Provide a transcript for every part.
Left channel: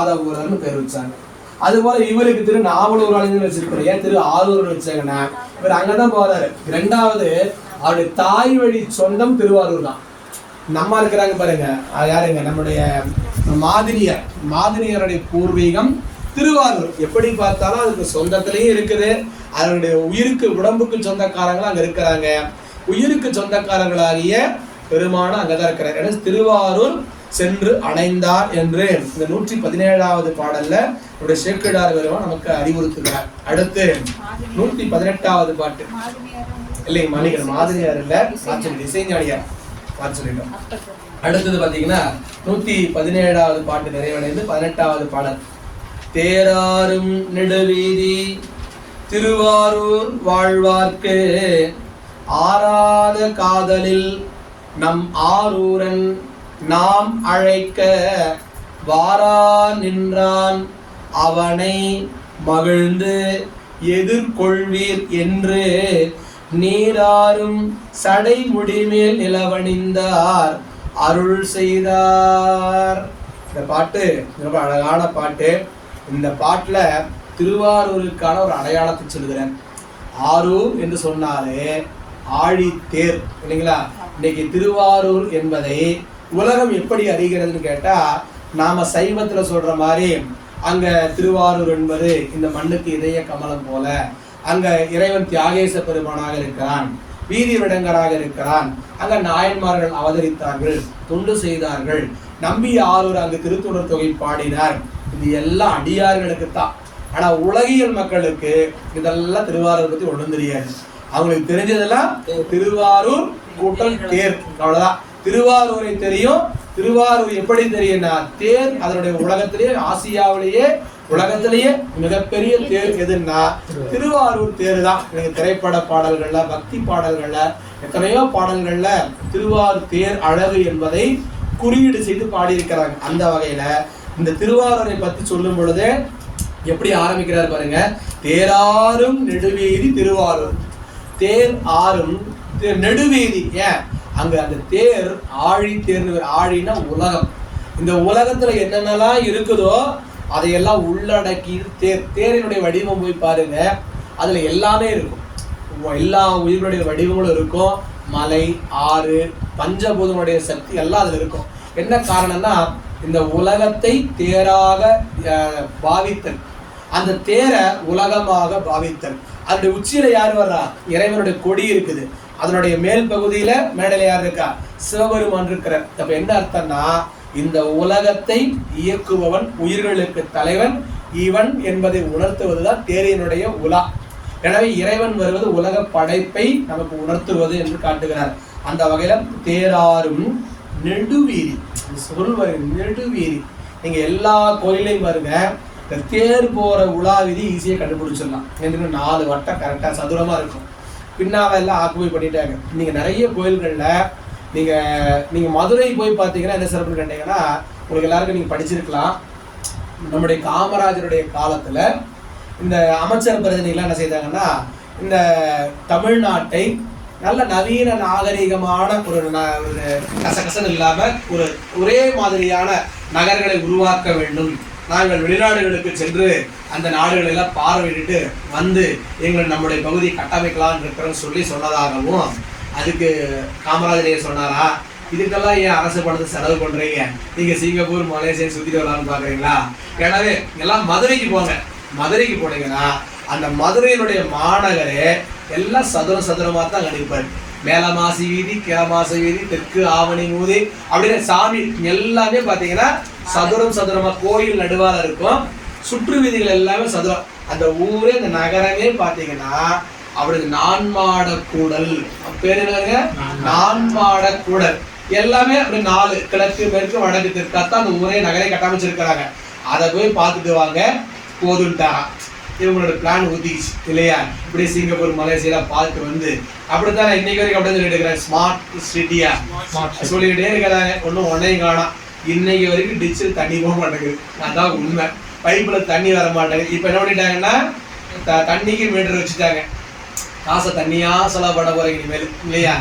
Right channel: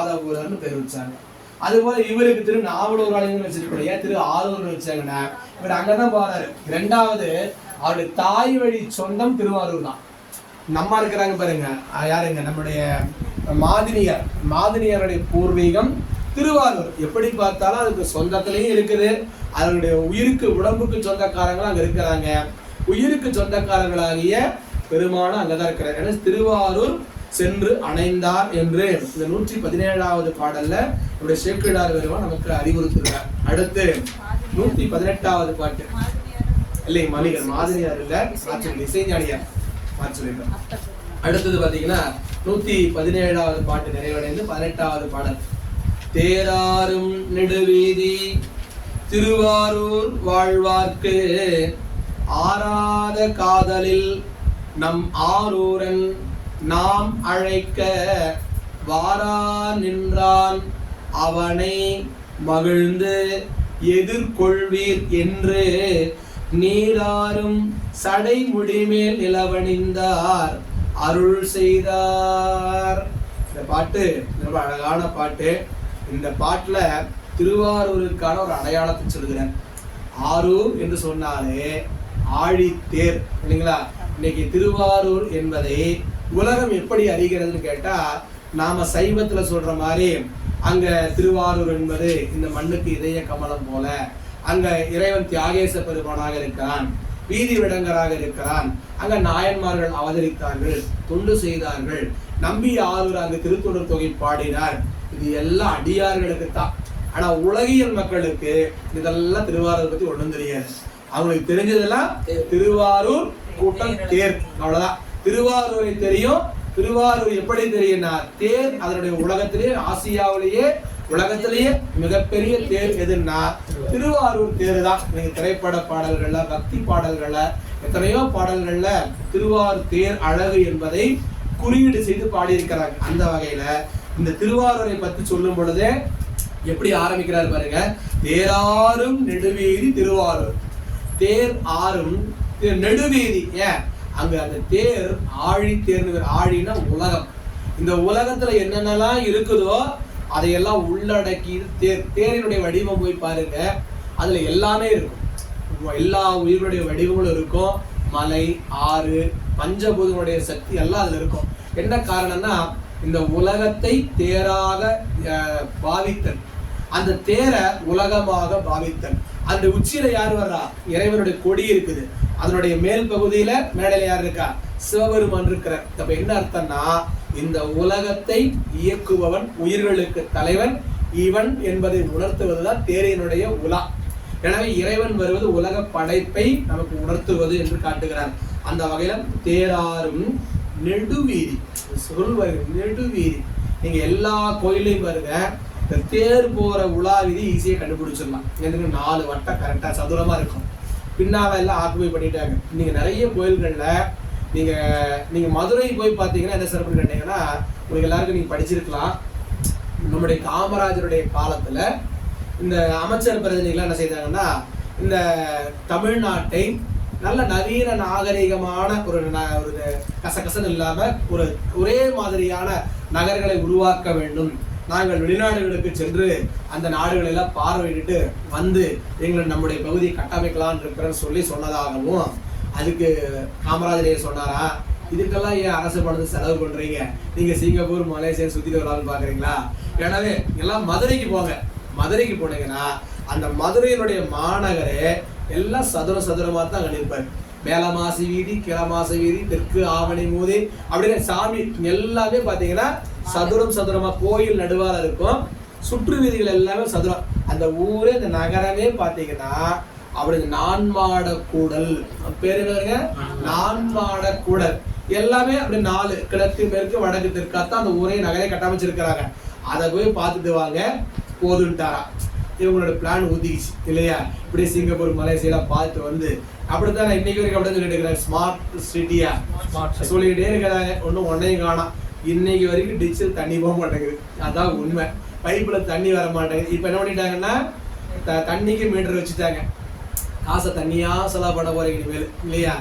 ஆதவூரர்னு பேர் வச்சாங்க. அது போல இவருக்கு திரு நாவலூராளின்னு வச்சிருக்கணும். ஏன் திரு ஆரூர்னு வச்சாங்கன்னா இவர் அங்கதான் போறாரு. இரண்டாவது அவருடைய தாய் வழி சொந்தம் திருவாரூர் தான். நம்ம இருக்கிறாங்க பாருங்க, யாருங்க, நம்முடைய மாதினியருடைய பூர்வீகம் திருவாரூர். எப்படி பார்த்தாலும் அதுக்கு சொந்தத்திலையும் இருக்குது. அதனுடைய உயிருக்கு உடம்புக்கு சொந்தக்காரங்களும் அங்க இருக்கிறாங்க. உயிருக்கு சொந்தக்காரர்களாகிய பெருமானும் அங்கதான் இருக்கிறார். ஏன்னா திருவாரூர் சென்று அடைந்தார் என்று இந்த 117வது பாடல்ல ஒரு சேக்கிழார் பெருமான் நமக்கு அறிவுறுத்துகிறார். அடுத்து 118வது பாட்டு இல்லைங்க, மாணிக்கர் மாதிரியார் இல்ல, இசைஞானியார் சொல்லிட்டோம். அடுத்தது பாத்தீங்கன்னா 117வது பாட்டு நிறைவடைந்து 18வது பாடல். தேராரும் நெடுவீதி திருவாரூர் வாழ்வார்க்கு ஆராத காதலில் நம் ஆரூரன் நாம் அழைக்க வாரா நின்றான் அவனை மகிழ்ந்து எதிர்கொள்வீர் என்று நீராரும் சடை முடிமேல் நிலவணிந்தார் அருள் செய்தார். இந்த பாட்டு ரொம்ப அழகான பாட்டு. இந்த பாட்டுல திருவாரூருக்கான ஒரு அடையாளத்தை சொல்கிறேன். ஆரூர் என்று சொன்னாலே ஆழி தேர் இல்லைங்களா? இன்னைக்கு திருவாரூர் என்பதை உலகம் எப்படி அறிகிறதுன்னு கேட்டா, நாம சைவத்துல சொல்ற மாதிரி அங்க திருவாரூர் என்பது இந்த மண்ணுக்கு இதய கமலம் போல, அங்க இறைவன் தியாகேச பெருமானாக இருக்கிறான், வீதி விடங்கராக இருக்கிறான், அங்க நாயன்மார்கள் அவதரித்தார்கள், தொண்டு செய்தார்கள், நம்பி ஆரூர் அங்கு திருத்தொடர் தொகை பாடினார். இது எல்லாம் அடியார்களுக்கு தான். ஆனா உலகியல் மக்களுக்கு இதெல்லாம் திருவாரூர் பத்தி ஒண்ணும் தெரியாது. அவங்களுக்கு தெரிஞ்சதெல்லாம் திருவாரூர் கூட்டல் தேர், அவ்வளவுதான். திருவாரூரை தெரியும். திருவாரூர் எப்படி தெரியும்னா தேர், அதனுடைய உலகத்திலேயே ஆசியாவிலேயே உலகத்திலேயே மிகப்பெரிய தேர் எதுன்னா திருவாரூர் தேர் தான். நீங்க திரைப்பட பாடல்கள்ல, பக்தி பாடல்கள்ல, எத்தனையோ பாடல்கள்ல திருவாரூர் தேர் அழகு என்பதை குறியீடு செய்து பாடியிருக்கிறாங்க. அந்த வகையில இந்த திருவாரூரை பத்தி சொல்லும் பொழுது எப்படி ஆரம்பிக்கிறார் பாருங்க. தேராரும் நெடுவீதி திருவாரூர். தேர் ஆறும் நெடுவீதி. ஏன் அங்க அந்த தேர் ஆழி தேர். ஆழினா உலகம். இந்த உலகத்துல என்னென்னலாம் இருக்குதோ அதையெல்லாம் உள்ளடக்கி தேர். தேரினுடைய வடிவம் போய் பாருங்க, அதுல எல்லாமே இருக்கும். எல்லா உயிர்களுடைய வடிவங்களும் இருக்கும். மலை, ஆறு, பஞ்சபூதங்களுடைய சக்தி எல்லாம் அதுல இருக்கும். என்ன காரணம்னா இந்த உலகத்தை தேராக பாவித்தல், அந்த தேரை உலகமாக பாவித்தல். அதனுடைய உச்சியில யார் வர்றா? இறைவனுடைய கொடி இருக்குது. அதனுடைய மேல் பகுதியில மேடையில யார் இருக்கா? சிவபெருமான் இருக்கிறார். அப்ப என்ன அர்த்தம்னா இந்த உலகத்தை இயக்குபவன், உயிர்களுக்கு தலைவன் இவன் என்பதை உணர்த்துவதுதான் தேரினுடைய உலா. எனவே இறைவன் வருவது உலக படைப்பை நமக்கு உணர்த்துவது என்று காட்டுகிறார். அந்த வகையில தேராரும் நெடுவீதி சொல்வாரு. நெடுவீதி நீங்க எல்லா கோயிலையும் பாருங்க, இந்த தேர் போற உலா வீதி ஈஸியா கண்டுபிடிச்சிடலாம். எனக்கு 4 வட்டம் கரெக்டா சதுரமா இருக்கும். பின்னால எல்லாம் ஆக்குபை பண்ணிட்டாங்க. நீங்க நிறைய கோயில்கள்ல நீங்க மதுரை போய் பார்த்தீங்கன்னா என்ன சிறப்பு கேட்டீங்கன்னா, உங்களுக்கு எல்லாருக்கும் நீங்க படிச்சிருக்கலாம். நம்முடைய காமராஜருடைய காலத்துல இந்த அமைச்சர் பிரதிநிதிகள் என்ன செய்தாங்கன்னா, இந்த தமிழ்நாட்டை நல்ல நவீன நாகரிகமான ஒரு கசகசன் இல்லாம ஒரு ஒரே மாதிரியான நகர்களை உருவாக்க வேண்டும், நாங்கள் வெளிநாடுகளுக்கு சென்று அந்த நாடுகளை எல்லாம் பார்வையிட்டு வந்து நம்முடைய பகுதியை கட்டமைக்கலாம்னு இருக்கிறோன்னு சொல்லி சொன்னதாகவும், அதுக்கு காமராஜர் சொன்னாரா, இதுக்கெல்லாம் ஏன் அரசு பணத்தை செலவு பண்றீங்க, நீங்க சிங்கப்பூர் மலேசியா சுத்திட்டு வரலாம்னு பாக்குறீங்களா? எனவே எல்லாம் மதுரைக்கு போங்க. மதுரைக்கு போனீங்கன்னா அந்த மதுரையினுடைய மாநகரே எல்லாம் சதுரமா தான் கணிப்பாரு. மேலமாசி வீதி, கீழமாசி வீதி, தெற்கு ஆவணி மூதி அப்படின்னு சாமி எல்லாமே பாத்தீங்கன்னா சதுரமா கோயில் நடுவால இருக்கும். சுற்று வீதிகள் எல்லாமே சதுரம். அந்த ஊரே, அந்த நகரமே பாத்தீங்கன்னா அப்படி நான்மாட கூடல் பேரு என்னங்க, நான்மாட கூடல். எல்லாமே அப்படி 4 கிழக்கு மேற்கு வடக்கு தெற்காத்தான் அந்த ஊரே நகரை கட்டமைச்சிருக்கிறாங்க. அதை போய் பார்த்துட்டு வாங்க போதுன்ட்டாரா. இவங்களோட பிளான் ஊத்திச்சு இல்லையா? இப்படி சிங்கப்பூர் மலேசியா பார்த்து வந்து அப்படித்தானே இன்னைக்கு வரைக்கும் அப்படி சொல்லிட்டு இருக்கிறாங்க. ஸ்மார்ட் சிட்டியா சொல்லிக்கிட்டே இருக்கிறாங்க. ஒன்னையும் காணாம். இன்னைக்கு வரைக்கும் டிச்சில் தண்ணி போக மாட்டேங்குது. அதான் உண்மை. பைப்புல தண்ணி வர மாட்டேங்குது. இப்ப என்ன பண்ணிட்டாங்கன்னா தண்ணிக்கு மீட்டர் வச்சுட்டாங்க. காசை தண்ணியா செலவு பண்ண போறீங்க இனிமேல் இல்லையா?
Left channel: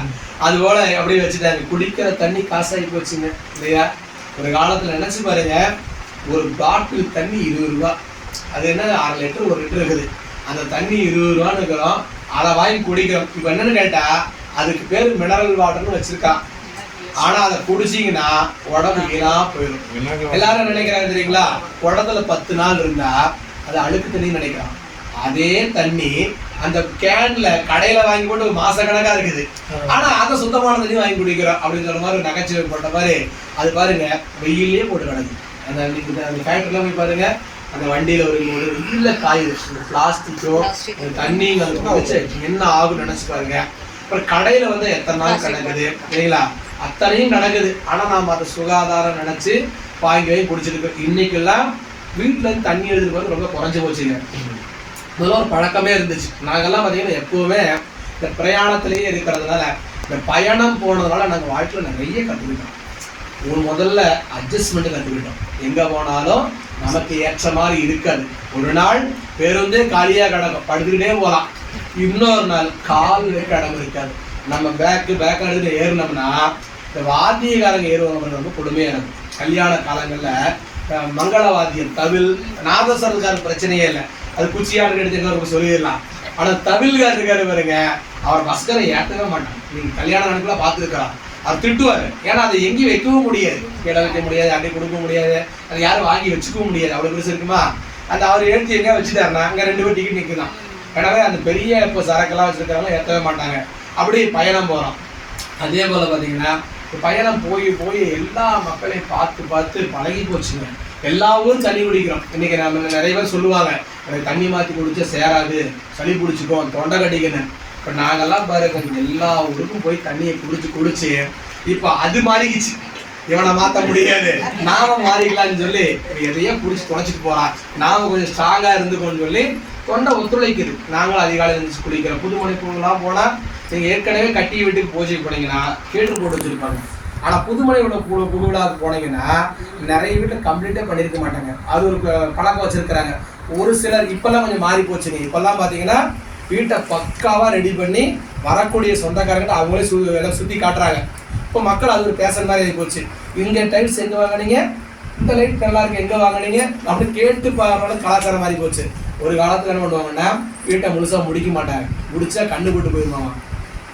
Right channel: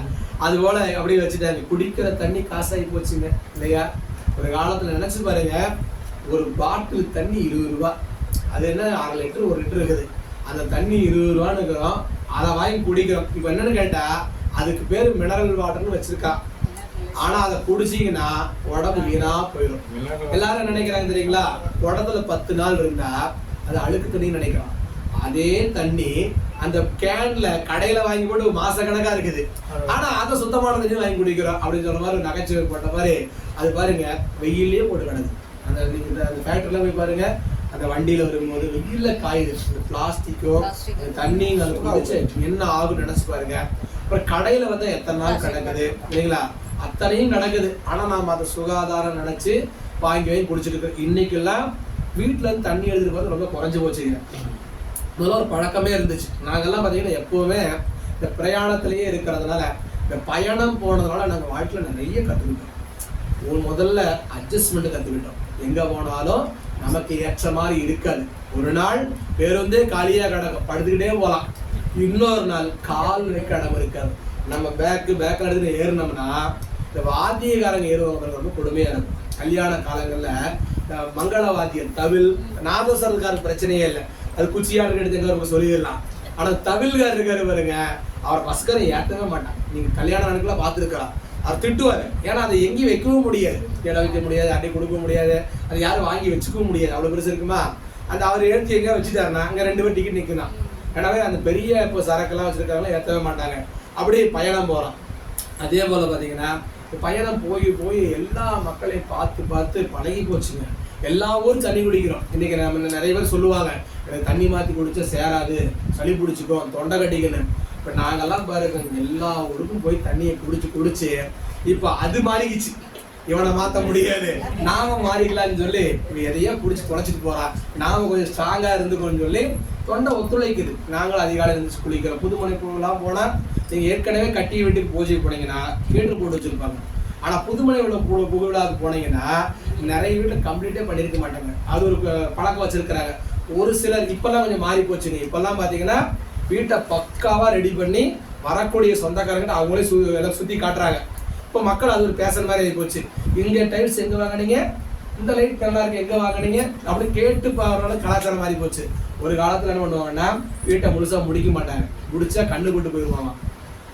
அது போல அப்படியே வச்சுட்டாங்க. குடிக்கிற தண்ணி காசாகி போச்சுங்க இல்லையா? ஒரு காலத்துல நினைச்சு பாருங்க, ஒரு பாட்டில் தண்ணி 20 ரூபா. அது என்ன 6 லிட்டர் 1 லிட்டர் இருக்குது. அந்த தண்ணி 20 ரூபான்னு இருக்கிறோம், அதை வாங்கி குடிக்கிறோம். இப்போ என்னன்னு கேட்டா அதுக்கு பேர் மினரல் வாட்டர்னு வச்சிருக்கா. ஆனா அதை குடிச்சிங்கன்னா உடம்பு வீணா போயிடும். எல்லாரும் நினைக்கிறாங்க தெரியுங்களா, குடத்துல 10 நாள் இருந்தா அது அழுக்கு தண்ணி நினைக்கிறான். அதே தண்ணி அந்த கேன்ல கடையில வாங்கி போட்டு மாச கணக்கா இருக்குது, ஆனா அதை சுத்தமான தண்ணி வாங்கி குடிக்கிறோம் அப்படின்னு சொல்ற மாதிரி நகைச்சுவை போட்ட மாதிரி. அது பாருங்க வெயிலே போட்டு கிடக்கு. அந்த ஃபேக்டரியில போய் பாருங்க, அந்த வண்டியில ஒரு வெயில காயுது. பிளாஸ்டிக்கோ தண்ணி குடிச்சு என்ன ஆகும் நினைச்சு பாருங்க. அப்புறம் கடையில வந்து எத்தனை நாள் கிடக்குது இல்லைங்களா, அத்தனையும் நடக்குது. ஆனா நாம அதை சுகாதாரம் நினைச்சு வாங்கி வாங்கி குடிச்சிருக்கோம். இன்னைக்கெல்லாம் வீட்டுல இருந்து தண்ணி எழுதுறது ரொம்ப குறைஞ்சு போச்சுங்க. முதல்ல ஒரு பழக்கமே இருந்துச்சு. நாங்கெல்லாம் பார்த்தீங்கன்னா எப்பவுமே இந்த பிரயாணத்திலேயே இருக்கிறதுனால, இந்த பயணம் போனதுனால நாங்கள் வாழ்க்கையில் நிறைய கற்றுக்கிட்டோம். முதல்ல அட்ஜஸ்ட்மெண்ட் கற்றுக்கிட்டோம். எங்கே போனாலும் நமக்கு ஏற்ற மாதிரி இருக்காது. ஒரு நாள் பேருந்தே காலியாக கிடக்கும், படுத்துக்கிட்டே போகலாம். இன்னொரு நாள் கால் வைக்க இடம் இருக்காது. நம்ம பேக் எடுத்து ஏறினோம்னா இந்த வாத்தியக்காரங்க ஏறுவாங்க, ரொம்ப கொடுமையாக இருக்கும். கல்யாண காலங்களில் மங்கள வாத்தியம் தவில் நாதஸ்வரத்துக்கான பிரச்சனையே இல்லை, அது குச்சியாட்டு எடுத்துக்க சொல்லிடலாம். ஆனால் தவில்கார் இருக்காரு பாருங்க, அவர் பஸ்கரை ஏற்றவே மாட்டான். நீங்கள் கல்யாண நடக்கலாம் பார்த்துருக்கலாம், அவர் திட்டுவார். ஏன்னா அதை எங்கேயும் வைக்கவும் முடியாது, கீழே வைக்க முடியாது, அன்னை கொடுக்க முடியாது, அது யாரும் வாங்கி வச்சுக்கவும் முடியாது, அவ்வளோ பெருசு இருக்குமா. அந்த அவர் எடுத்து எங்கே வச்சுட்டாருன்னா அங்கே 2 பேர் டிக்கெட் நிற்கலாம். எனவே அந்த பெரிய இப்போ சரக்கெல்லாம் வச்சுருக்காங்க, ஏற்றவே மாட்டாங்க. அப்படி பயணம் போகிறோம். அதே போல் பார்த்தீங்கன்னா பயணம் போய் போய் எல்லா மக்களையும் பார்த்து பார்த்து பழகி போச்சுங்க. எல்லா ஊரும் தண்ணி குடிக்கிறோம். இன்னைக்கு நம்ம நிறைய பேர் சொல்லுவாங்க, தண்ணி மாற்றி குடிச்சா சேராது, சளி பிடிச்சிக்கும், தொண்டை கட்டிக்கணும். இப்போ நாங்கெல்லாம் பாருங்க எல்லா ஊருக்கும் போய் தண்ணியை குடிச்சு இப்போ அது மாறிக்கிச்சு. இவனை மாற்ற முடியாது, நாம மாறிக்கலாம்னு சொல்லி எதையோ குடிச்சு தொலைச்சிட்டு போறான். நாம கொஞ்சம் ஸ்ட்ராங்கா இருந்துக்கோன்னு சொல்லி தொண்டை ஒத்துழைக்குது. நாங்களும் அதிகாலை இருந்துச்சு குளிக்கிறோம். புதுமனை பூலாம் போனா நீங்க ஏற்கனவே கட்டி வீட்டுக்கு பூஜை போனீங்கன்னா கேட்டு போட்டு வச்சிருப்பாங்க. ஆனா புதுமனையோட புதுவிழாவுக்கு போனீங்கன்னா நிறைய வீட்டில் கம்ப்ளீட்டே பண்ணிருக்க மாட்டாங்க. அது ஒரு பழக்கம் வச்சிருக்கிறாங்க. ஒரு சிலர் இப்பெல்லாம் கொஞ்சம் மாறி போச்சுங்க. இப்பெல்லாம் பாத்தீங்கன்னா வீட்டை பக்காவா ரெடி பண்ணி வரக்கூடிய சொந்தக்காரங்கிட்ட அவங்களே எல்லாம் சுத்தி காட்டுறாங்க. இப்போ மக்கள் அது ஒரு பேசுற மாதிரி ஆகி போச்சு. இங்க டைல்ஸ் எங்க வாங்கினீங்க, இந்த லைட் நல்லா இருக்கு எங்க வாங்கினீங்க அப்படின்னு கேட்டு பாருங்க. கலாச்சாரம் மாறி போச்சு. ஒரு காலத்துல என்ன பண்ணுவாங்கன்னா வீட்டை முழுசா முடிக்க மாட்டாங்க, முடிச்சா கண்டுபட்டு போயிடுவாங்க.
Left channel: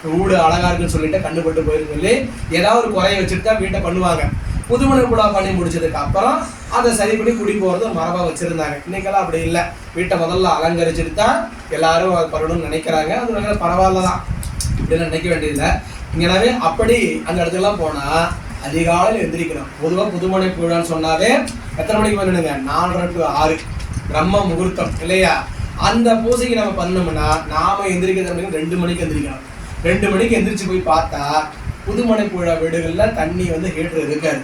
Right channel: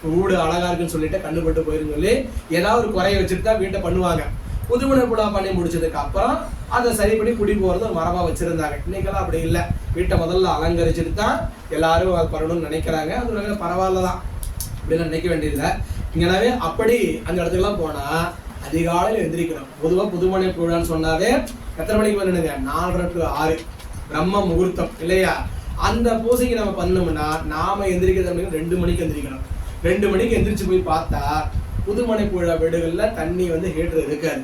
வீடு அழகா இருக்குன்னு சொல்லிட்டு கண்டுபட்டு போயிருந்து சொல்லி ஏதாவது ஒரு குறைய வச்சுட்டு தான் வீட்டை பண்ணுவாங்க. புதுமனை புலா பண்ணி முடிச்சதுக்கு அப்புறம் அதை சரி பண்ணி குடி போறது மரபா வச்சிருந்தாங்க. இன்னைக்கெல்லாம் அப்படி இல்லை. வீட்டை முதல்ல அலங்கரிச்சுட்டு தான் எல்லாரும் அது பண்ணணும்னு நினைக்கிறாங்க. அது பரவாயில்லதான், இப்படிலாம் நினைக்க வேண்டியதில்லை. இங்கனாவே அப்படி அந்த இடத்துக்குலாம் போனா அதிகாலையில் எந்திரிக்கணும். பொதுவாக புதுமனை விழான்னு சொன்னாவே எத்தனை மணிக்கு பண்ணணுங்க, 4:30 to 6 பிரம்ம முகூர்த்தம் இல்லையா. அந்த பூஜைக்கு நம்ம பண்ணோம்னா நாம எந்திரிக்கிறது 2 மணிக்கு எந்திரிக்கணும். 2 மணிக்கு எந்திரிச்சு போய் பார்த்தா புதுமனை விழா வீடுகள்ல தண்ணி வந்து ஹீட்டர் இருக்காது.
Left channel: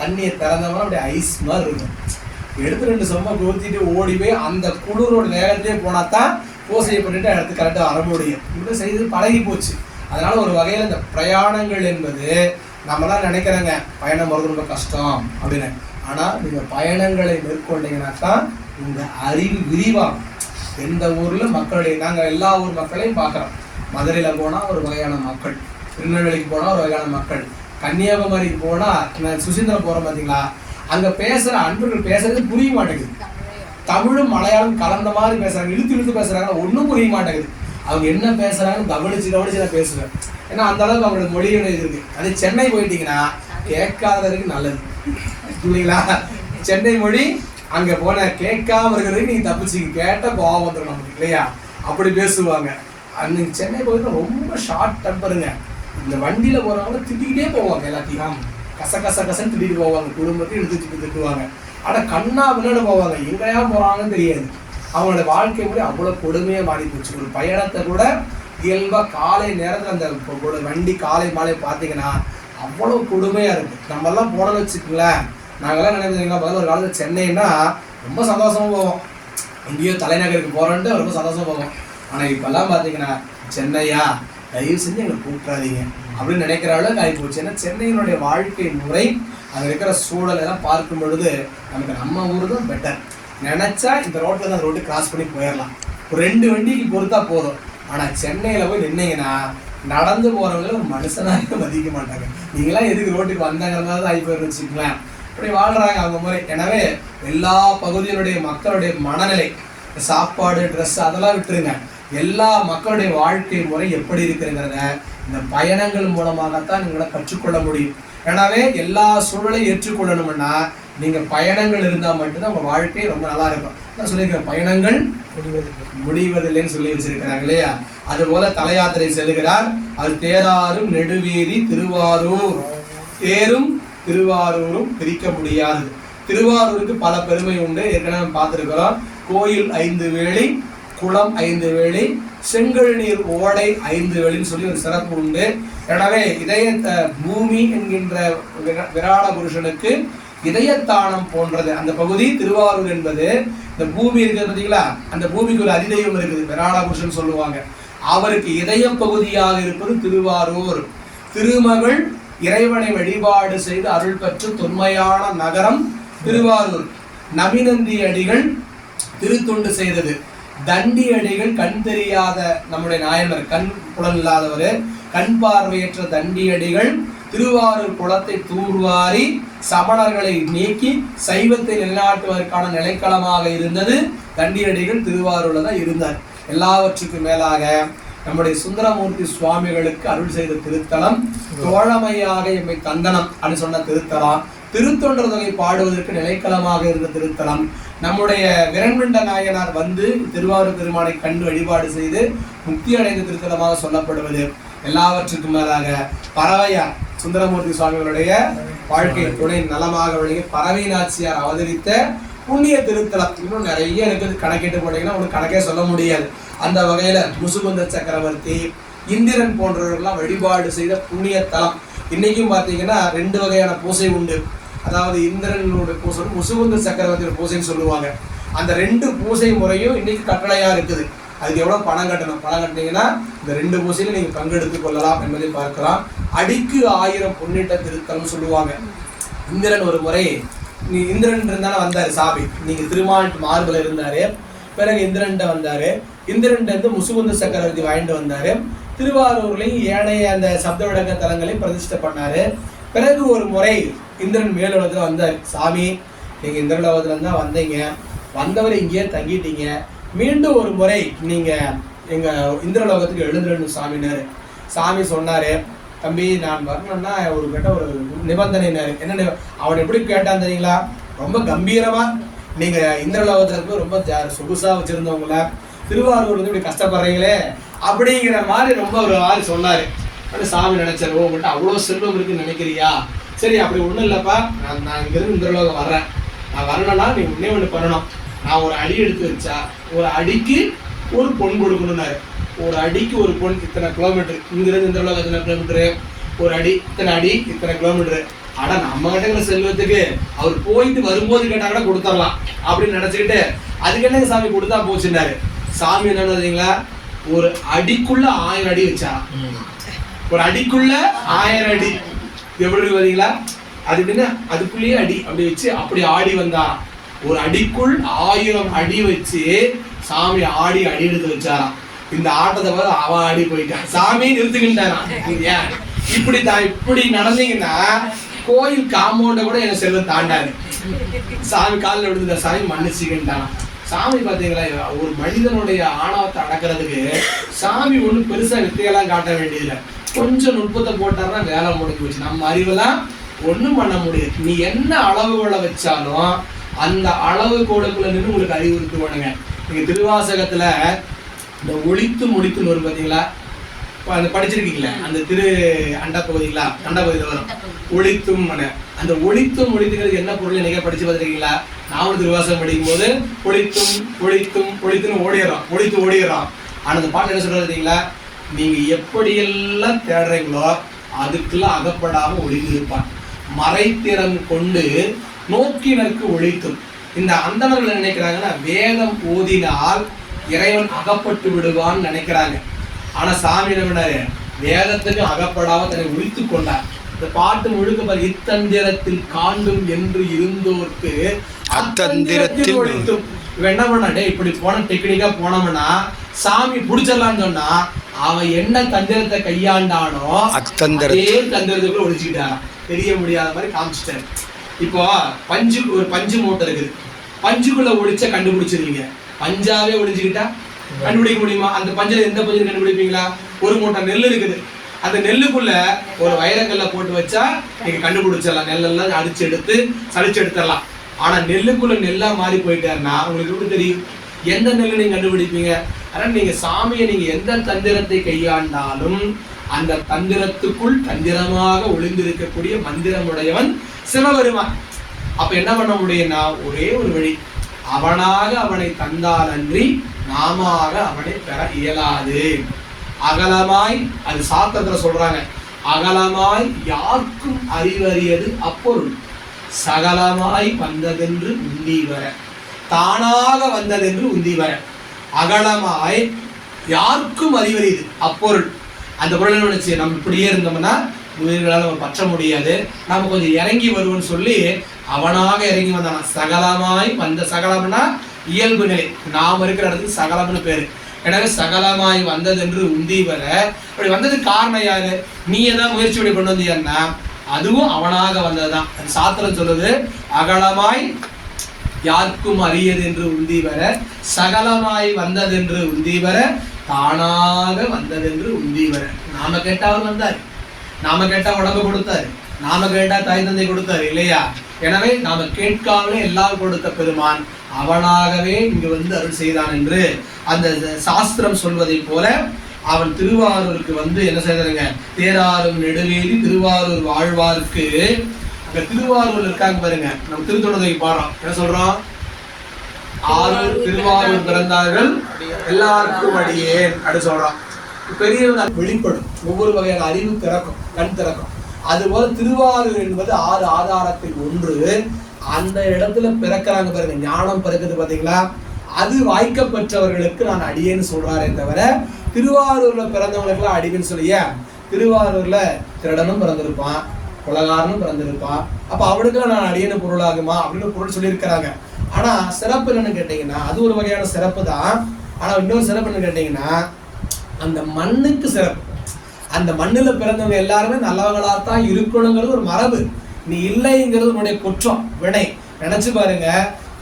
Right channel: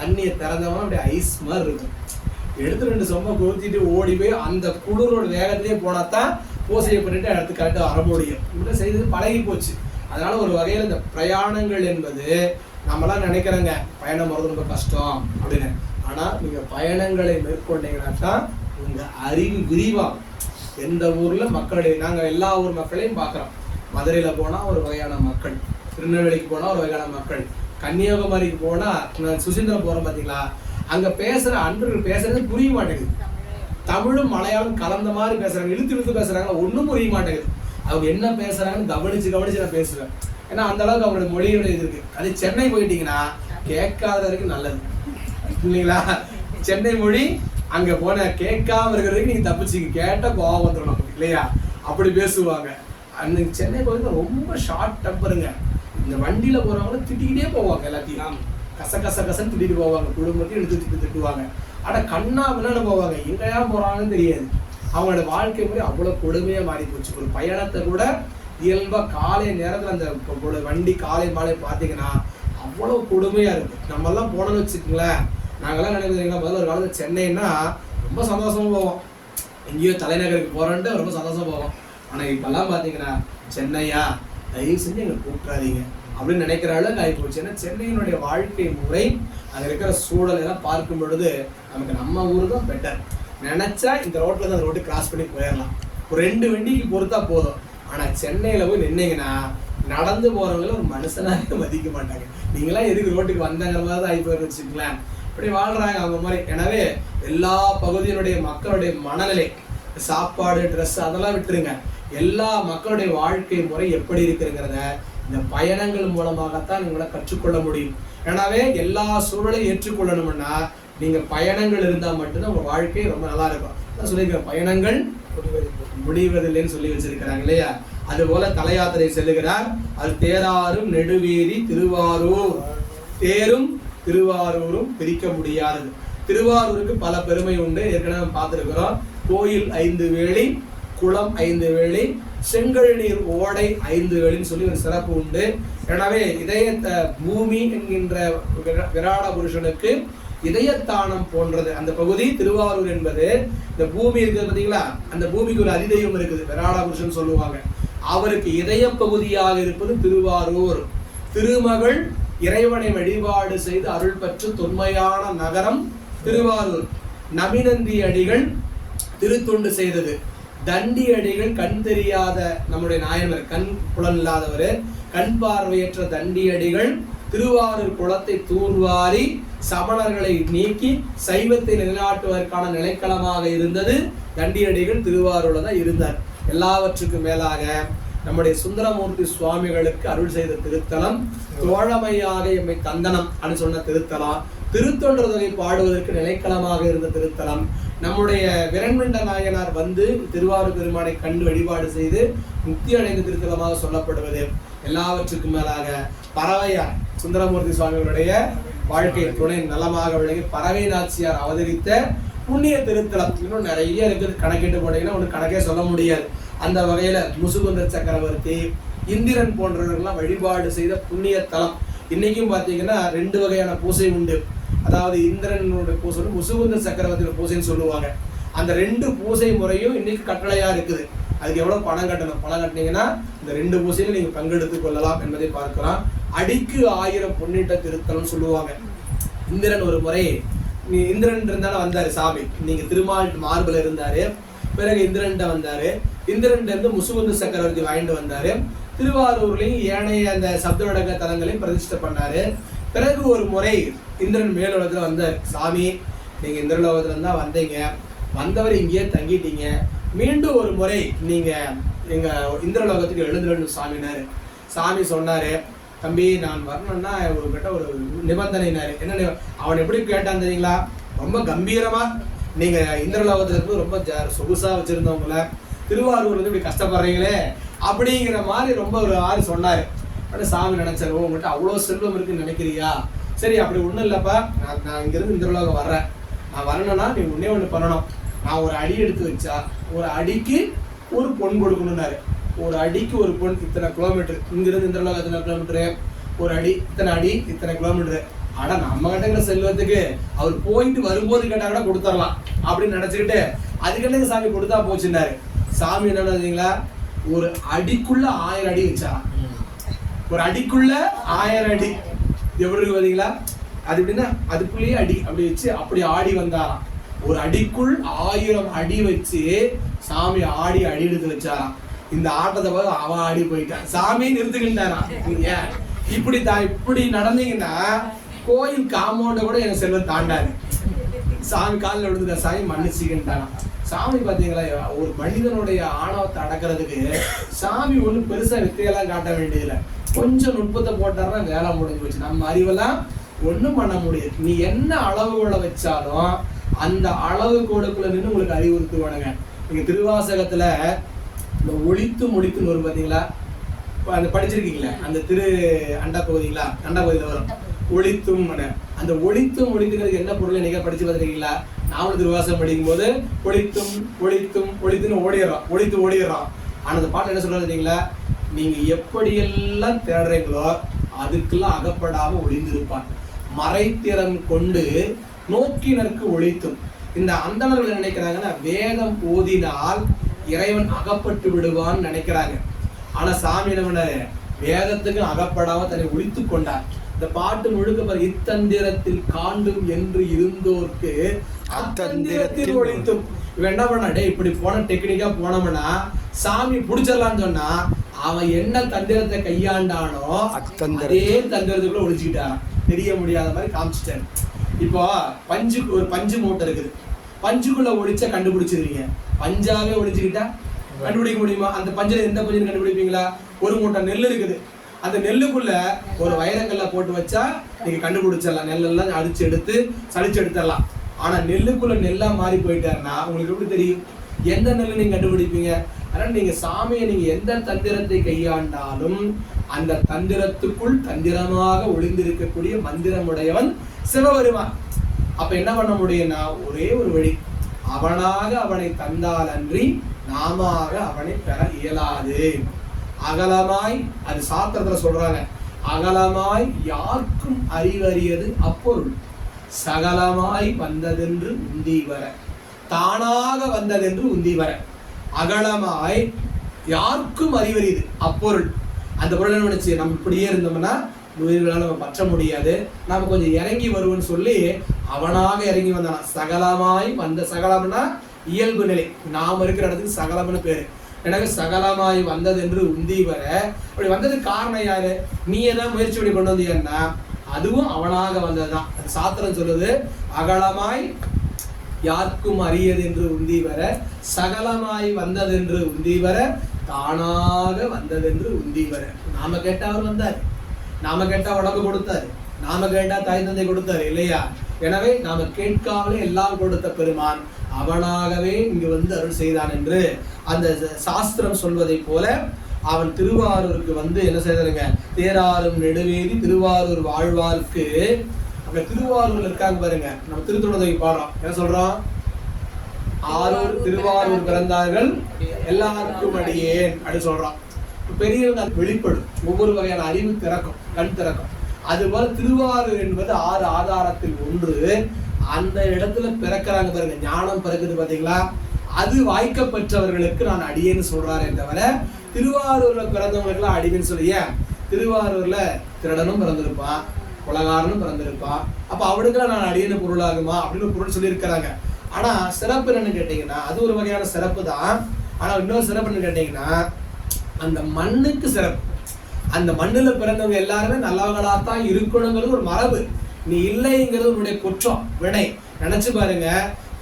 தண்ணியை திறந்தோம்னா அப்படியே ஐஸ் மாதிரி இருக்கும். எடுத்து 2 சொம்ப ஊற்றிட்டு ஓடி போய் அந்த குளிரோட வேகத்திலே போனா தான் பூஜையை பண்ணிட்டு இடத்துக்கு கரெக்டாக வர முடியும். இப்படி செய்து பழகி போச்சு. அதனால ஒரு வகையில் இந்த பிரயாணங்கள் என்பது நம்மளாம் நினைக்கிறேங்க பயணம் போகிறது ரொம்ப கஷ்டம் அப்படின்னு. ஆனால் நீங்கள் பயணங்களை மேற்கொண்டீங்கன்னாக்கா உங்கள் அறிவு விரிவாகும். எந்த ஊரில் மக்களுடைய நாங்கள் எல்லா ஊர் மக்களையும் பார்க்குறோம். மதுரையில் போனால் ஒரு வகையான மக்கள், திருநெல்வேலிக்கு போனால் ஒரு வகையான மக்கள், கன்னியாகுமரிக்கு போனால் சுசீந்திரம் போகிறோம் பார்த்தீங்களா, அங்கே பேசுகிற அன்பர்கள் பேசுறது புரிய மாட்டேங்குது. தமிழும் மலையாளம் கலந்த மாதிரி பேசுகிறாங்க, இழுத்து பேசுகிறாங்க, ஒன்றும் புரிய மாட்டேங்குது. அவங்க என்ன பேசுறாங்கன்னு கவனிச்சு நான் பேசுவேன். ஏன்னா அந்த அளவுக்கு அவங்களோட மொழியோட இருக்கு. அதே சென்னை போயிட்டீங்கன்னா கேட்காததுக்கு நல்லது இல்லைங்களா. சென்னை மொழி அங்க போன கேட்காம இருக்கிறதுக்கு நீங்க தப்பிச்சிங்க, கேட்ட கோபம் வந்துடும் நமக்கு இல்லையா. அப்படி பேசுவாங்க. அன்னைக்கு சென்னை போயிட்டு ரொம்ப ஷார்ட் டெம்பருங்க. இந்த வண்டியில போறவங்க திட்டிக்கிட்டே போவாங்க, எல்லாத்தையும் கசன்னு திட்டிட்டு போவாங்க. குடும்பத்தையும் எடுத்து திட்டுவாங்க. ஆனா கண்ணா பின்னாடி போவாங்க, எங்கேயா போறாங்கன்னு தெரியாது. அவங்களோட வாழ்க்கை முறை அவ்வளோ கொடுமையாக மாறி போச்சு. ஒரு பயணத்தை கூட இயல்பாக காலை நேரத்தில் அந்த வண்டி காலை மாலை பார்த்தீங்கன்னா அவ்வளோ கொடுமையாக இருக்குது. நம்மெல்லாம் போனோன்னு வச்சுக்கோங்களேன், நாங்கள்லாம் நினைப்பீங்களா முதல்ல ஒரு காலத்தில் சென்னைன்னா ரொம்ப சந்தோஷமாக போவோம். எங்கேயோ தலைநகருக்கு போகிறோன்ட்டு ரொம்ப சந்தோஷமாக போவோம். ஆனால் இப்போல்லாம் பார்த்தீங்கன்னா சென்னையா தயவு செஞ்சு எங்களை கூப்பிட்றாதீங்க அப்படின்னு நினைக்கிற அளவுக்கு ஆகி போச்சு. ஏன்னா சென்னையினுடைய வாழ்க்கை முறை அங்கே இருக்கிற சூழல் எல்லாம் பார்க்கும் பொழுது நமக்கு நம்ம ஊர் தான் பெட்டர். நினைச்சா இந்த ரோட்டில் தான் ரோட்டு கிராஸ் பண்ணி போயிடலாம், ஒரு 2 வண்டிக்கு பொறுத்தா போதும். ஆனால் சென்னையில் போய் நின்னீங்கன்னா நடந்து போகிறவங்கள ஒரு மனுஷனாக மதிக்க மாட்டாங்க. நீங்களாம் எதுக்கு ரோட்டுக்கு வந்தாங்கிற மாதிரி தான் ஆகி போயிருந்து வச்சுக்கலாம். இப்படி வாழ்றாங்க அவங்க முறை. எனவே எல்லா பகுதியினுடைய மக்களுடைய மனநிலை, சாப்பாடு, ட்ரெஸ் அதெல்லாம் விட்டுருங்க, எல்லா மக்களுடைய வாழ்க்கை முறை எப்படி இருக்குங்கிறத இந்த பயணங்கள் மூலமாகத்தான் நீங்கள கற்றுக்கொள்ள முடியும். எனவே எல்லா சூழலையும் ஏற்றுக்கொள்ளணும்னா நீங்க பயணங்கள் இருந்தா மட்டும்தான் உங்க வாழ்க்கை ரொம்ப நல்லா இருக்கும். நான் சொல்லியிருக்கேன், பயணங்கள் முடிவதில்லைன்னு சொல்லி வச்சிருக்கிறாங்க இல்லையா? அதுபோல தல யாத்திரை செல்கிறார். அது தேராரும் நெடுவேரி திருவாரூர். தேரும் திருவாரூரும் பிரிக்க முடியாது. திருவாரூருக்கு பல பெருமை உண்டு, ஏற்கனவே பார்த்துருக்கிறோம். கோயில் 5 வேளை, குளம் 5 வேளை, செங்கல் நீர் ஓடை 5 வேளைன்னு சொல்லி ஒரு சிறப்பு உண்டு. எனவே இதயத்தை பூமி என்கின்ற விராட புருஷனுக்கு இதயத்தானம் போன்றது அந்த பகுதி திருவாரூர் என்பது. இந்த பூமி இருக்குது பார்த்தீங்களா, அந்த பூமிக்கு ஒரு அதிதெய்வம் இருக்குது, விராட புருஷன் சொல்லுவாங்க. அவருக்கு இதய பகுதியாக இருப்பது திருவாரூர். திருமகள் இறைவனை வழிபாடு செய்து அருள் பெற்ற தொன்மையான நகரம் திருவாரூர். நபிநந்தி அடிகள் திருத்தொண்டு செய்தது. தண்டி அடிகள் கண் தெரியாத நம்முடைய நாயனர், கண் புலன் இல்லாதவர், கண் பார்வையற்ற தண்டி அடிகள் திருவாரூர் குளத்தை தூர்வாரி சமணர்களை நீக்கி சைவத்தை நிலைநாட்டுவதற்கான நிலைக்களமாக இருந்தது. தண்டியடிகள் திருவாரூர்ல தான் இருந்தார். எல்லாவற்றுக்கும் மேலாக நம்முடைய சுந்தரமூர்த்தி சுவாமிகளுக்கு அருள் செய்த திருத்தலம், தோழமையாக எம்மை தந்தனம் அப்படின்னு சொன்ன திருத்தலம், திருத்தொண்டர்களை பாடுவதற்கு நிலைக்களமாக இருந்த திருத்தலம், நம்முடைய விரண்மிண்ட நாயனார் வந்து திருவாரூர் பெருமானை கண்டு வழிபாடு செய்து முக்தி அடைந்த திருத்தலமாக சொல்லப்படுவது. எல்லாவற்றுக்கும் மேலாக பறவையார் சுந்தரமூர்த்தி சுவாமிகளுடைய வாழ்க்கை துணை நலமாக விளங்கி பறவை நாச்சியார் அவதரித்த புண்ணிய திருத்தலம். இன்னும் நிறைய இருக்குது, கணக்கிட்டு போனீங்கன்னா உங்களுக்கு கணக்கே சொல்ல முடியாது. அந்த வகையில முசுகுந்த சக்கரவர்த்தி, இந்திரன் போன்றவர்கள்லாம் வழிபாடு செய்த புண்ணிய தலம். இன்னைக்கும் பார்த்தீங்கன்னா 2 வகையான பூசை உண்டு. அதாவது இந்திரனோட பூசை, முசுகுந்த சக்கரவர்த்தியோட பூசைன்னு சொல்லுவாங்க. அந்த 2 பூசை முறையும் இன்னைக்கு கட்டளையா இருக்குது. அதுக்கு எவ்வளவு பணம் கட்டணும்? பணம் கட்டினீங்கன்னா இந்த 2 பூசையில நீங்க பங்கெடுத்துக் கொள்ளலாம் என்பதை பார்க்கலாம். அடிக்கு 1000 புண்ணிட்ட திருத்தலம் சொல்லுவாங்க. இந்திரன் ஒரு முறை, இந்திரன் இருந்தாலும் வந்தாரு சாமி, நீங்க திருமால் மார்பில் இருந்தாரு. பிறகு இந்திரன் வந்தாரு. இந்திரன் இருந்து முசுகுந்த சக்கரவர்த்தி வாங்கிட்டு வந்தாரு. திருவாரூர்லையும் ஏனைய அந்த சப்த விளக்க தலங்களையும் பிரதிஷ்டை பண்ணாரு. பிறகு ஒரு முறை இந்திரன் மேலுலகத்துல வந்தார். சாமி, நீங்க இந்திரலோகத்துல இருந்தா வந்தீங்க, வந்தவர் இங்கேயே தங்கிட்டீங்க, மீண்டும் ஒரு முறை நீங்க எங்க இந்திரலோகத்துக்கு எழுந்துடணும் சாமினாரு. சாமி சொன்னாரு, தம்பி நான் வரணும்னா ஒரு கிட்ட ஒரு நிபந்தனைனாரு. என்ன? அவன் எப்படி கேட்டான் தெரியுங்களா? ரொம்ப கம்பீரமா, நீங்க இந்திரலோகத்துல இருந்து ரொம்ப சொகுசா வச்சிருந்தவங்கள திருவாரூர் வந்து இப்படி கஷ்டப்படுறீங்களே அப்படிங்கிற மாதிரி ரொம்ப ஒரு ஆள் சொன்னாரு. சாமி நினைச்சாரு, ஓ உங்கள்கிட்ட அவ்வளோ செல்வம் இருக்குன்னு நினைக்கிறியா? சரி, அப்படி ஒன்றும் இல்லைப்பா, நான் இங்கிருந்து இந்திரலோகம் வர்றேன். நான் வரணும்னா நீ முன்னே ஒன்று பண்ணணும். நான் ஒரு அடி எடுத்து வச்சா ஒரு அடிக்கு ஒரு பொன் கொடுக்கணும்னாரு. ஒரு அடிக்கு ஒரு பொன், இத்தனை கிலோமீட்டர், இங்கிருந்து இந்திரலோகம் எத்தனை கிலோமீட்டரு, ஒரு அடி இத்தனை அடி இத்தனை கிலோமீட்டரு. ஆனா நம்ம கிட்ட செல்வத்துக்கு அவர் போயிட்டு வரும்போது கேட்டா கூட கொடுத்துடலாம் அப்படின்னு நினைச்சுக்கிட்டு அதுக்கு என்ன சாமி கொடுத்தா போச்சுன்னாரு. சாமி என்னன்னா, ஒரு அடிக்குள்ள 1000 அடி வச்சா, ஒரு அடிக்குள்ள 1000 அடி எப்படி பார்த்தீங்களா? அது எப்படின்னா அதுக்குள்ளேயே அடி அப்படி வச்சு அப்படி ஆடி வந்தா. ஒரு அடிக்குள் 1000 அடி வச்சு சாமி ஆடி அடி எடுத்து வச்சாராம். இந்த ஆட்டத்தை பார்த்து அவன் ஆடி போயிட்டான், சாமி நிறுத்துக்கிட்டாராம். இப்படி இப்படி நடந்தீங்கன்னா கோயில் காம்பவுண்ட கூட எனக்கு செல்வம் தாண்டாது. சாமி காலில் விடுத்த சாமி மன்னிச்சுக்கிட்டாராம். சாமி பார்த்தீங்களா, ஒரு மனிதனுடைய ஆணவத்தை அடக்கிறதுக்கு சாமி ஒன்றும் பெருசா வித்தையெல்லாம் காட்ட வேண்டியதில்லை. கொஞ்சம் நுட்பத்தை போட்டாருன்னா வேலை முடிஞ்சு போச்சு. நம்ம அறிவெல்லாம் ஒன்றும் பண்ண முடியாது. நீ என்ன அளவுகளை வச்சாலும் அந்த அளவு கோடுக்குள்ள நின்று உங்களுக்கு அறிவுறுத்துவானுங்க. நீங்க திருவாசகத்துல இந்த ஒழித்து முடித்துன்னு வரும் பார்த்தீங்களா? அந்த படிச்சிருக்கீங்களா? அந்த திரு அண்டா பகுதியில் வரும் ஒழித்தும். அந்த ஒழித்தும் ஒழித்துக்கிறது என்ன பொருள் நீங்க படிச்சு பார்த்துருக்கீங்களா? நாவல் திருவாசகம் படிக்கும் போது ஒழித்தும் ஒழித்தும் ஒழித்துன்னு ஓடிடுறோம். ஆனா அந்த பாட்டு என்ன சொல்றீங்களா? நீங்க எப்படியெல்லாம் தேடுறீங்களோ அதுக்கெல்லாம் அகப்படாம ஒளிந்திருப்பான். மறைத்திறம் கொண்டு நோக்கினருக்கு ஒழித்தும். இந்த அந்தணர்கள் நினைக்கிறாங்கன்னா வேதம் ஓதினால் இறைவன் அகப்பட்டு விடுவான்னு நினைக்கிறாங்க. ஆனா சாமி என்ன வேதத்துக்கு அகப்படாம தன்னை ஒழித்து கொண்டார். இந்த பாட்டு முழுக்க இத்தந்திரத்தில் காண்டும் என்று இருந்தோர்க்கு அத்தந்திரத்தில் ஒழித்தும். இவன் என்ன பண்ண, இப்படி போன டெக்னிக்கா போனோம்னா சாமி புடிச்சிடலான்னு சொன்னா அவன் என்ன தந்திரத்தை கையாண்டானோ அதே தந்திரத்துக்குள்ள ஒழிச்சுக்கிட்டான். தெரிய முடியாத மாதிரி காமிச்சிட்டாரு. இப்போ பஞ்சு, ஒரு பஞ்சு மூட்டை இருக்குது, பஞ்சுக்குள்ள ஒளிச்ச கண்டுபிடிச்சிருவீங்க. பஞ்சாவே ஒளிஞ்சுக்கிட்டா கண்டுபிடிக்க முடியுமா? அந்த பஞ்சில் எந்த பஞ்சு கண்டுபிடிப்பீங்களா? ஒரு மூட்டை நெல் இருக்குது, அந்த நெல்லுக்குள்ள ஒரு வைரக்கல்ல போட்டு வச்சா நீங்க கண்டுபிடிச்சிடலாம், நெல்லெல்லாம் அடிச்சு எடுத்து சளிச்சு எடுத்துடலாம். ஆனா நெல்லுக்குள்ள நெல்லா மாறி போயிட்டாருன்னா உங்களுக்கு எப்படி தெரியும் எந்த நெல்லு நீங்க கண்டுபிடிப்பீங்க? அதனால நீங்க சாமியை நீங்க எந்த தந்திரத்தை கையாண்டாலும் அந்த தந்திரத்துக்குள் தந்திரமாக ஒளிந்திருக்கக்கூடிய மந்திரமுடையவன் சிவபெருமான். அப்ப என்ன பண்ண முடியும்னா ஒரே ஒரு வழி, அவனாக அவனை தந்தால் அன்றி நாம அவனை பெற இயலாது. அகலமாய், அது சாத்திரத்துல சொல்றாங்க, அகலமாய் யாருக்கும் அறிவறியது அப்பொருள், சகலமாய் வந்ததென்று உந்தி வர, தானாக வந்ததென்று உந்தி வர. அகலமாய் யாருக்கும் அறிவறியது அப்பொருள், அந்த பொருள் நினைச்சு நம்ம இப்படியே இருந்தோம்னா உயிர்களால் நம்ம பற்ற முடியாது, நம்ம கொஞ்சம் இறங்கி வருவோம்னு சொல்லி அவனாக இறங்கி வந்தானா. சகலமாய் வந்த, சகலம்னா இயல்பு நிலை, நாம் இருக்கிற இடத்துக்கு சகலம்னு பேரு. எனவே சகலமாய் வந்தது என்று உந்தி வர, அப்படி வந்ததுக்கு காரணம் யாரு? நீ ஏதாவது முயற்சி பண்ணி கொண்டு வந்தியன்னா அதுவும் அவனாக வந்ததுதான். சாத்திரம் சொல்லுது, அகலமாய் யாருக்கும் அறியது என்று உந்தி வர, சகலமாய் வந்தது என்று உந்தி வர, தானாக வந்தது என்று உந்தி வர. நாம கேட்டா அவர் வந்தார், நாம கேட்டா உடம்பு கொடுத்தாரு, நாம கேட்டா தாய் தந்தை கொடுத்தாரு இல்லையா? எனவே நாம கேட்காமலே எல்லாம் கொடுத்த பெருமான் அவனாகவே இங்கு வந்து அருள் செய்தான் என்று அந்த சாஸ்திரம் சொல்வதை போல அவன் திருவாரூருக்கு வந்து என்ன செய்யறதுங்க, தேராரும் நெடுவேலி திருவாரூர் வாழ்வார்க்கு. அங்க திருவாரூர் இருக்காங்க பாருங்க, நம்ம திருத்தொடர்பை பாடுறோம், என்ன சொல்றோம்? ஆரூர் திருவாரூர் பிறந்தார்கள் எல்லாருக்கும் அடியேன் அப்படி சொல்றோம். பெரியவங்க வெளிப்படும், ஒவ்வொரு வகையான அறிவு திறக்கும், கண் திறக்கும். அதுபோல திருவாரூர் என்பது 6 ஆதாரத்தில் ஒன்று. அந்த இடத்துல பிறக்கிறாங்க பாருங்க, ஞானம் பிறக்குது பாத்தீங்களா? அது வாய்க்கப்பெற்றவர்களுக்கு நான் அடியேன்னு சொல்றாரே தவிர திருவாரூர்ல பிறந்தவங்களுக்குலாம் அடியேன்னு சொல்லிய. திருவாரூர்ல திருடனும் பிறந்திருப்பான், குலகாரனும் பிறந்திருப்பான், அப்ப அவனுக்குலாம் நான் அடியேன்னு பொருளாகுமா அப்படின்னு பொருள் சொல்லியிருக்கிறாங்க. ஆனா சிறப்பு என்னன்னு கேட்டீங்கன்னா அது ஒரு வகையான சிறப்பு தான். ஆனா இன்னொரு சிறப்பு என்னன்னு கேட்டீங்கன்னா அந்த மண்ணுக்கு சிறப்பு. அந்த மண்ணுல பிறந்தவங்க எல்லாருமே நல்லவங்களாத்தான் இருக்கணுங்கிறது ஒரு மரபு. நீ இல்லைங்கிறது உன்னுடைய குற்றம், வினை. நினைச்சு பாருங்க,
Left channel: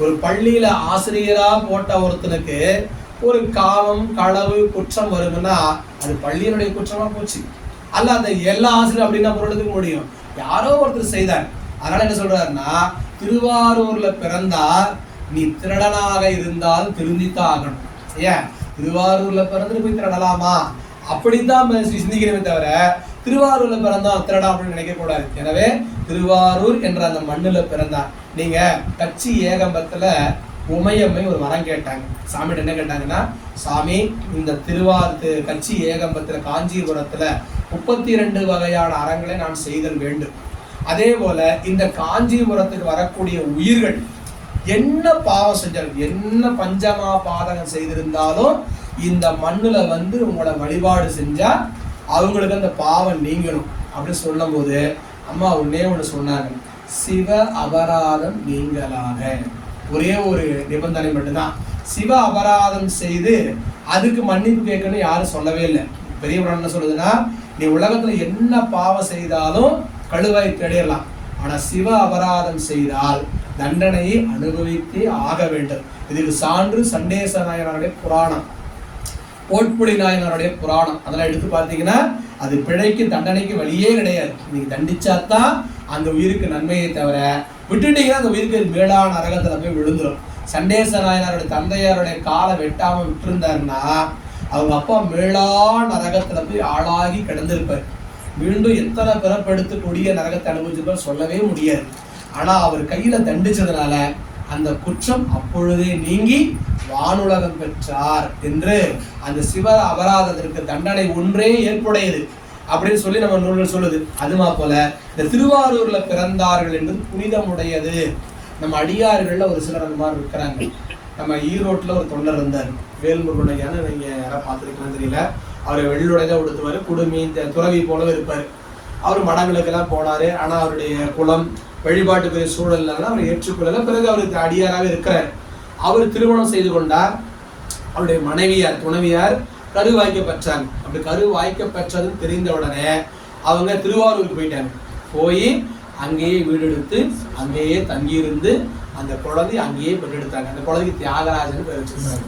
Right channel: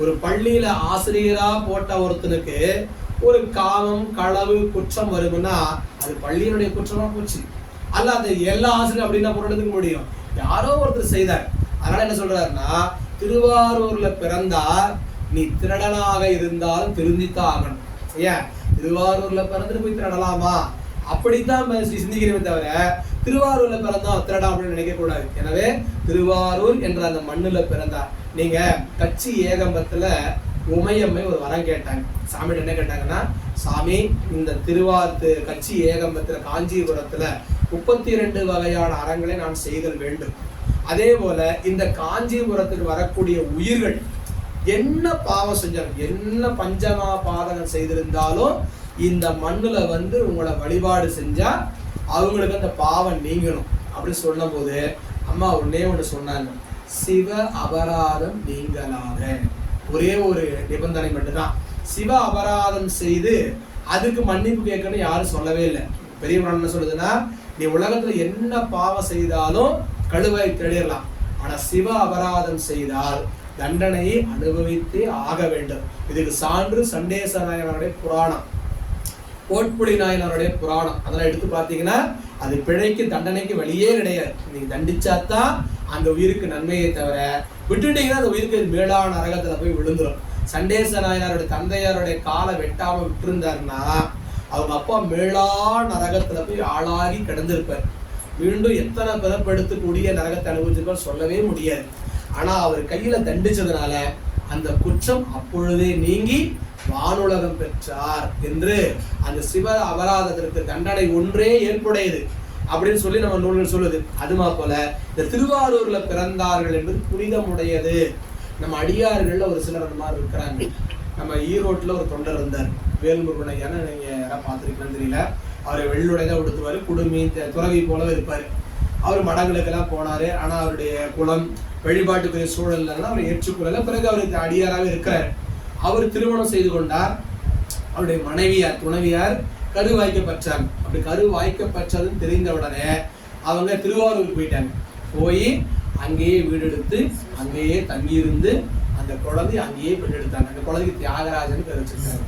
ஒரு பள்ளியில ஆசிரியரா போட்ட ஒருத்தனுக்கு ஒரு காமம் களவு குற்றம் வருதுன்னா அது பள்ளியினுடைய குற்றமா போச்சு. அல்ல அந்த எல்லா ஆசிரியரும் அப்படின்னா பொருளுக்கு முடியும், யாரோ ஒருத்தர் செய்தார். அதனால என்ன சொல்றாருன்னா, திருவாரூர்ல பிறந்தா நீ திருடனாக இருந்தாலும் திருந்தித்தான் ஆகணும். ஏன் திருவாரூர்ல பிறந்துட்டு போய் திருடலாமா அப்படித்தான் சிந்திக்கிறமே தவிர திருவாரூர்ல பிறந்தா திருடா அப்படின்னு நினைக்க கூடாது. எனவே திருவாரூர் என்ற அந்த மண்ணுல பிறந்தா. நீங்க கச்சி ஏகம்பத்துல உமையம்மை ஒரு வரம் கேட்டாங்க. சாமிகிட்ட என்ன கேட்டாங்கன்னா, சாமி இந்த கச்சி ஏகம்பத்துல காஞ்சிபுரத்துல 32 வகையான அறங்களை நான் செய்தல் வேண்டும். அதே போல இந்த காஞ்சிபுரத்துக்கு வரக்கூடிய உயிர்கள் என்ன பாவம் செஞ்சாலும், என்ன பஞ்சமா பாதகம் செய்திருந்தாலும் இந்த மண்ணுல வந்து உங்களோட வழிபாடு செஞ்சா அவங்களுக்கு அந்த பாவம் நீங்கணும் அப்படின்னு சொல்லும் போது அம்மா ஒண்ணு சொன்னாங்க, சிவ அபராதம் நீங்களாக. ஒரே ஒரு நிபந்தனை மட்டும்தான், சிவ அபராதம் செய்து அதுக்கு மன்னிப்பு கேட்கணும்னு யாரும் சொல்லவே இல்லை. பெரிய புராணம் என்ன சொல்லுதுன்னா, நீ உலகத்துல என்ன பாவம் செய்தாலும் கழுவாய் தேடிடலாம், ஆனா சிவ அபராதம் செய்தால் தண்டனையை அனுபவித்தே ஆக வேண்டும். இதுக்கு சான்று சண்டேச நாயனருடைய புராணம், கோட்புலி நாயனருடைய புராணம். அதெல்லாம் எடுத்து பார்த்தீங்கன்னா அது பிழைக்கு தண்டனைக்கு வழியே கிடையாது. நீங்க தண்டிச்சாதான் அந்த உயிருக்கு நன்மையை தவிர விட்டுட்டீங்கன்னா அந்த உயிருக்கு மேலான நரகத்துல போய் விழுந்துடும். சண்டேச நாயனருடைய தந்தையாருடைய காலை வெட்டாம விட்டுருந்தாருன்னா அவங்க அப்பா மேலான நரகத்துல போய் ஆளாகி கிடந்திருப்பார். மீண்டும் எத்தனை பிறப்பெடுத்து கொடிய நரகத்தை அனுபவிச்சிருப்பார் சொல்லவே முடியாது. ஆனா அவர் கையில தண்டிச்சதுனால அந்த குற்றம் அப்பொழுதே நீங்கி வானுலகம் பெற்றார் என்று அந்த சிவ அபராதத்திற்கு தண்டனை ஒன்றே ஏற்புடையது அப்படின்னு சொல்லி நம்ம நூல்கள் சொல்லுது. அதுமா போல இந்த திருவாரூர்ல பிறந்தார்கள் என்று புனிதமுடையது. நம்ம அடியார்கள்ல ஒரு சிலர் அந்த மாதிரி இருக்கிறாங்க. நம்ம ஈரோட்டில் ஒரு தொண்டர் இருந்தார், வேல்முருகனையான, நீங்க யாராவது பார்த்துருக்கலாம் தெரியல. அவர் வெள்ளுடையதான் உடுத்துவாரு, குடுமி துறவி போலவே இருப்பார். அவர் மடங்களுக்கெல்லாம் போனாரு. ஆனா அவருடைய குலம் வழிபாட்டுக்குரிய சூழல்லாம் அவர் ஏற்றுக்கொள்ளல. பிறகு அவருக்கு அடியாராக இருக்கிறார். அவர் திருமணம் செய்து கொண்டார். அவருடைய மனைவியார் துணைவியார் கரு வாய்க்கப்பெற்றாங்க. அப்படி கரு வாய்க்கப்பெற்றதுன்னு தெரிந்த உடனே அவங்க திருவாரூருக்கு போயிட்டாங்க. போய் அங்கேயே வீடு எடுத்து அங்கேயே தங்கியிருந்து அந்த குழந்தை அங்கேயே பெற்றெடுத்தாங்க. அந்த குழந்தைக்கு தியாகராஜன் பேர் வச்சிருக்காங்க.